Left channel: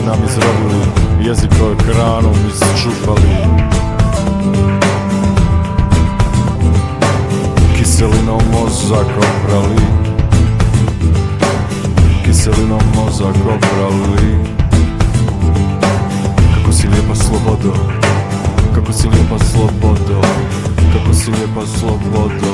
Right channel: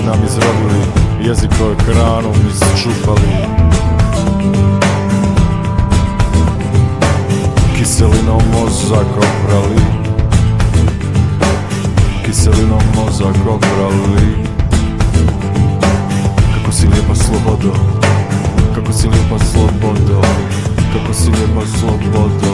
si nam izrodili, jezikove kranom isčupali. Kiselinom mozak oprali, kiselinom mozak oprali. Kako si lijepa slobodo, kako si lijepa slobodo, kako si lijepa slobodo.